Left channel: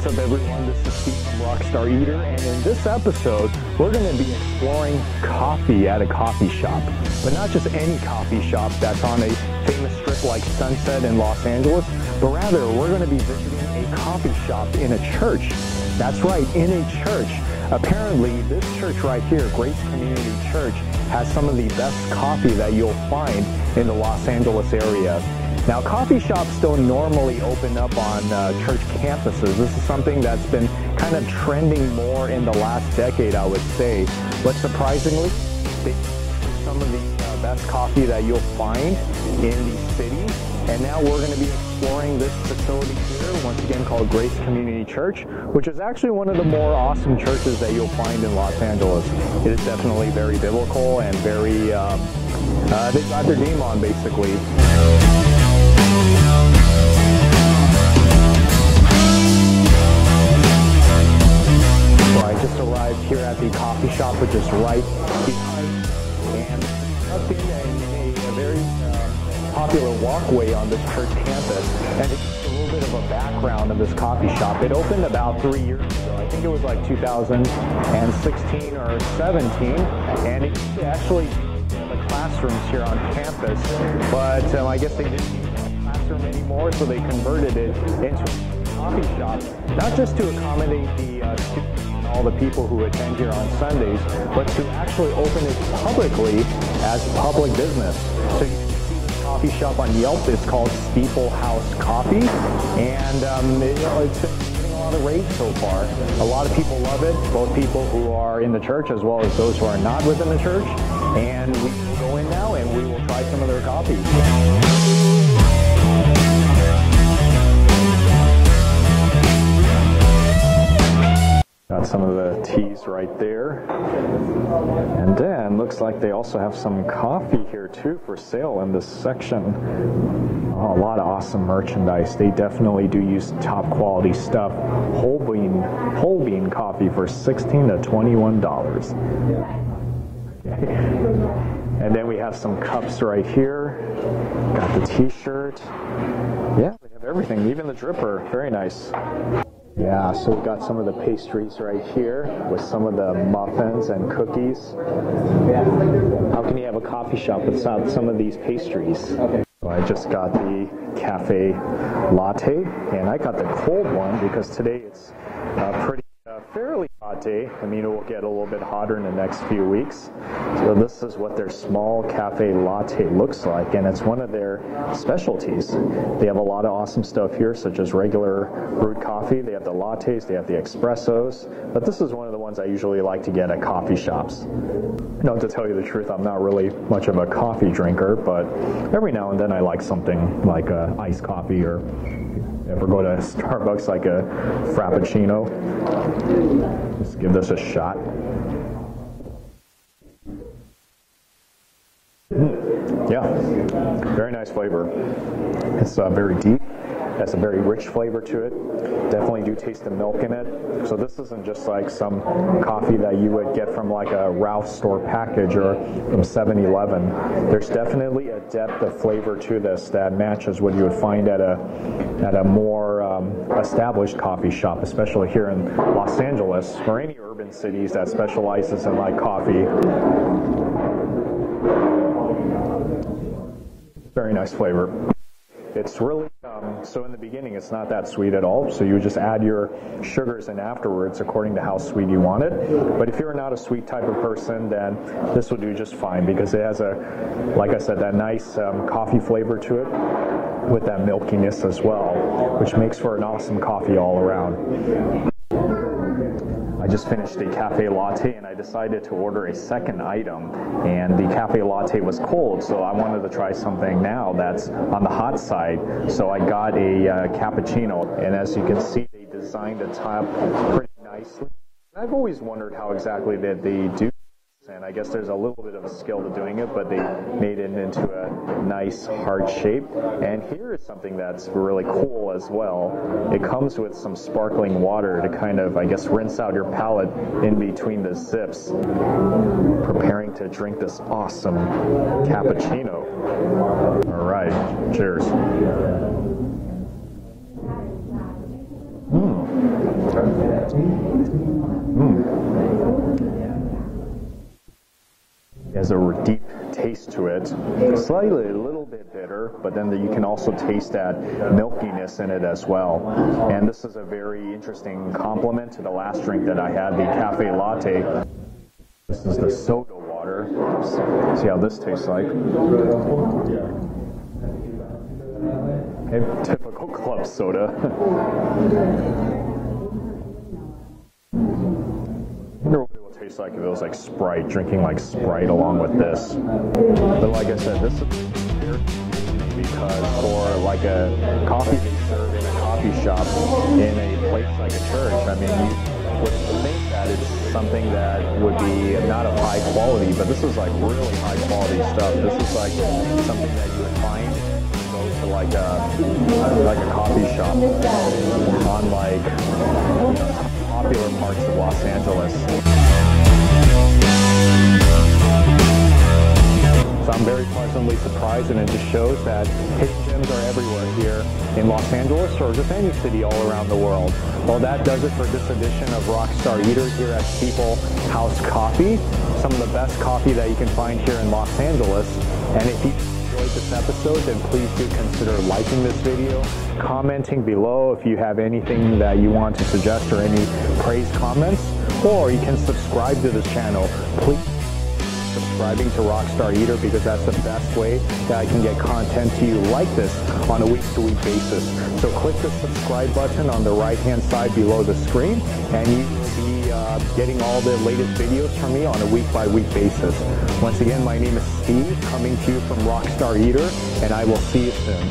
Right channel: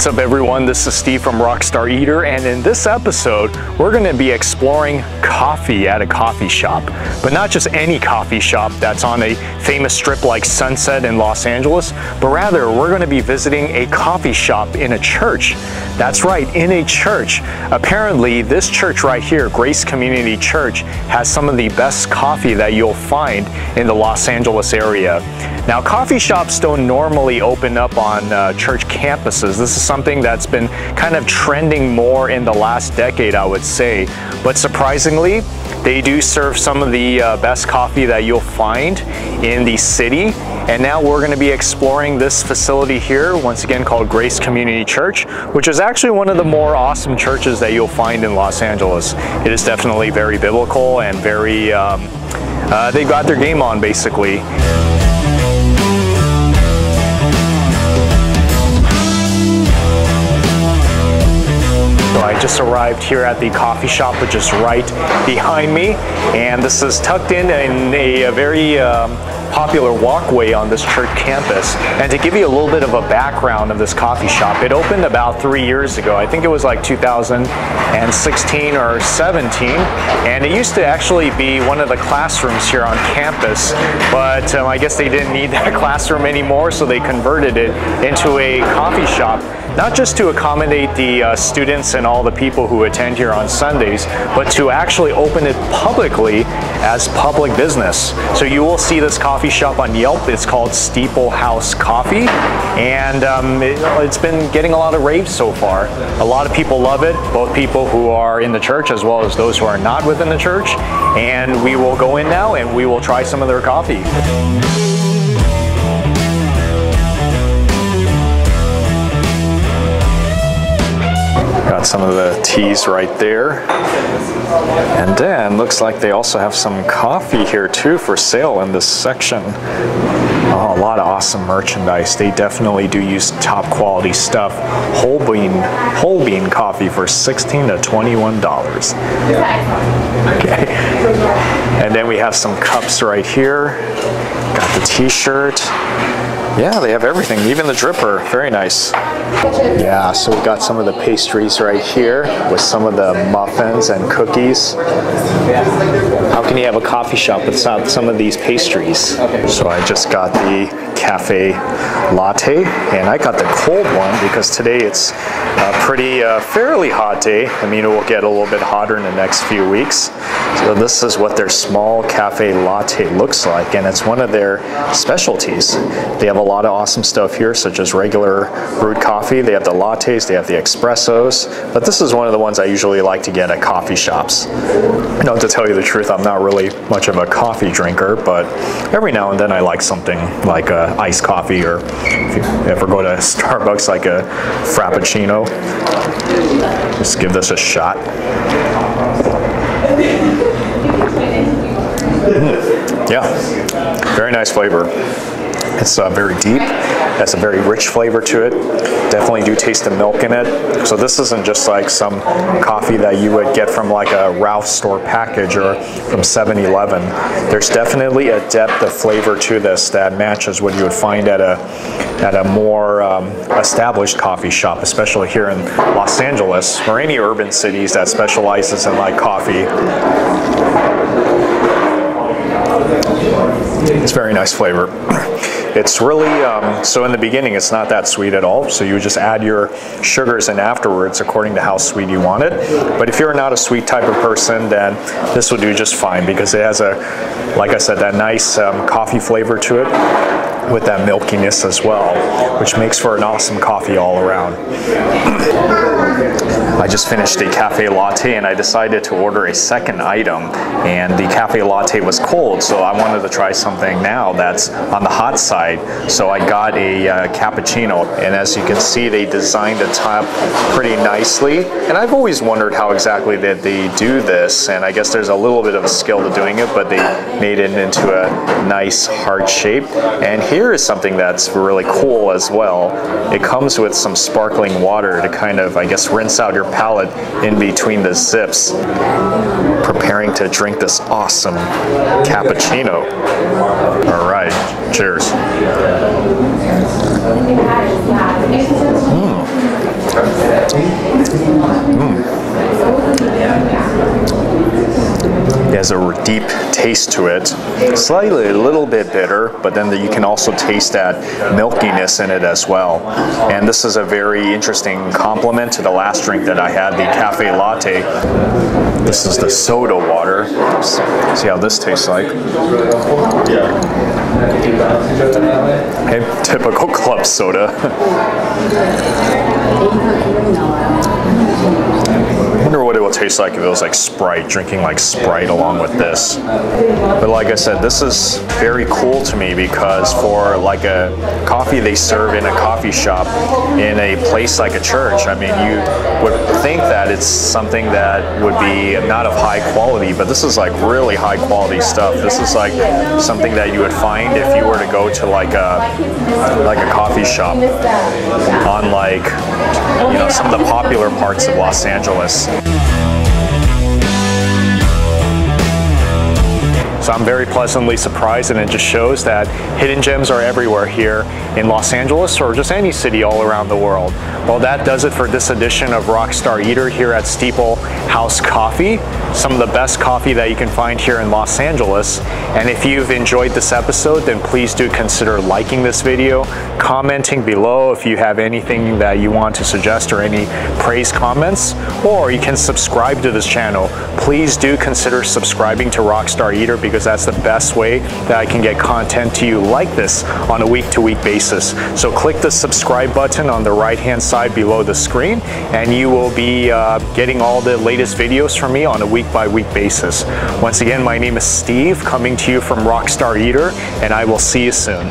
What's up everyone, this is Steve from Rockstar Eater, and in this episode we're going to be exploring coffee at a coffee shop. But not just any coffee shop that's on a famous strip like Sunset in Los Angeles, but rather we're going to be visiting a coffee shop in a church. That's right, in a church. Apparently this church right here, Grace Community Church, has some of the best coffee that you'll find in the Los Angeles area. Now, coffee shops don't normally open up on church campuses. This is something that's been kind of trending more in the last decade, I would say. But surprisingly, they do serve some of the best coffee that you'll find in the city. And now we're going to be exploring this facility here, once again called Grace Community Church, which is actually one of the more awesome churches that you'll find in Los Angeles. It is definitely very biblical and very, they've got their game on basically. I just arrived here at the coffee shop, which is right behind me, and this is tucked in a very popular walkway on this church campus. And to give you a little bit of a background of this coffee shop, it opened about 3 years ago. I think it was like 2016 or 17, and it used to actually be one of the classrooms here on campus, but I guess they didn't need that classroom anymore, so they converted it into a coffee shop. Not just to accommodate the students and all the people who attend here on Sundays, but to actually open it publicly as public business. So you will see this coffee shop on Yelp. It's called Steeple House Coffee, and it's been getting a lot of raves so far. A lot of people love it, both people who are in the church as well as those who are not within the church. And we will go in now and we will try some of their coffee. Some of the teas right there, and then looks like they also have some coffee here too for sale in this section. Oh, a lot of awesome merchandise. They definitely do use top quality stuff. Whole bean coffee for $16 to $21. Okay, and then we have some cups right here. Got the t-shirt. Yeah, they have everything, even the dripper. Very nice. Yeah, so we got some of the pastries right here with some of the muffins and cookies. How can you have a coffee shop without some of these pastries? So I just got the cafe latte, and I got the cold one because today it's a pretty fairly hot day. I mean, it will get a little bit hotter in the next few weeks. So this is what their small cafe latte looks like, and it's one of their specialties. They have a lot of awesome stuff here, such as regular brewed coffee. They have the lattes, they have the espressos, but this is one of the ones I usually like to get at coffee shops. No, to tell you the truth, I'm not really much of a coffee drinker, but every now and then I like something like iced coffee, or if you ever go to Starbucks, like a Frappuccino. Just give this a shot. Yeah, very nice flavor. It's very deep, has a very rich flavor to it. Definitely do taste the milk in it. So this isn't just like some coffee that you would get from like a Ralph's store package or from 7-Eleven. There's definitely a depth of flavor to this that matches what you would find at a more established coffee shop, especially here in Los Angeles or any urban cities that specializes in like coffee. It's very nice flavor. It's really, so in the beginning it's not that sweet at all, so you would just add your sugars in afterwards according to how sweet you want it. But if you're not a sweet type of person, then this will do just fine because it has like I said, that nice coffee flavor to it with that milkiness as well, which makes for an awesome coffee all around. I just finished a cafe latte and I decided to order a second item, and the cafe latte was cold, so I wanted to try something now that's on the hot side. So I got a cappuccino, and as you can see, they designed the top pretty nicely, and I've always wondered how exactly that they do this, and I guess there's a little bit of a skill to doing it, but they made it into a nice heart shape. And here is something that's really cool as well. It comes with some sparkling water to kind of, I guess, rinse out your palate in between the zips. Preparing to drink this awesome cappuccino. All right, cheers. has a deep taste to it. Slightly a little bit bitter, but then you can also taste that milkiness in it as well. And this is a very interesting complement to the last drink that I had, the cafe latte. This is the soda water. See how this tastes like. Okay, typical club soda. I wonder what it will taste like if it was like Sprite, drinking like Sprite along with this. But like I said, this is very cool to me because for like a coffee they serve in a coffee shop in a place like a church, I mean, you would think that it's something that would be not of high quality, but this is like really high quality stuff. This is like something that you would find if you were to go to like a coffee shop on like, you know, some of the popular parts of Los Angeles. So I'm very pleasantly surprised, and it just shows that hidden gems are everywhere here in Los Angeles or just any city all around the world. Well, that does it for this edition of Rockstar Eater here at Steeple House Coffee. Some of the best coffee that you can find here in Los Angeles. And if you've enjoyed this episode, then please do consider liking this video, commenting below if you have anything that you want to suggest or any praise comments, or you can subscribe to this channel. Please do consider subscribing to Rockstar Eater because that's the best way that I can get content to you like this on a week-to-week basis. So click the subscribe button on the right-hand side below the screen, and you will be getting all the latest videos from me on a week-by-week basis. Once again, my name is Steve, coming to you from Rockstar Eater, and I will see you soon.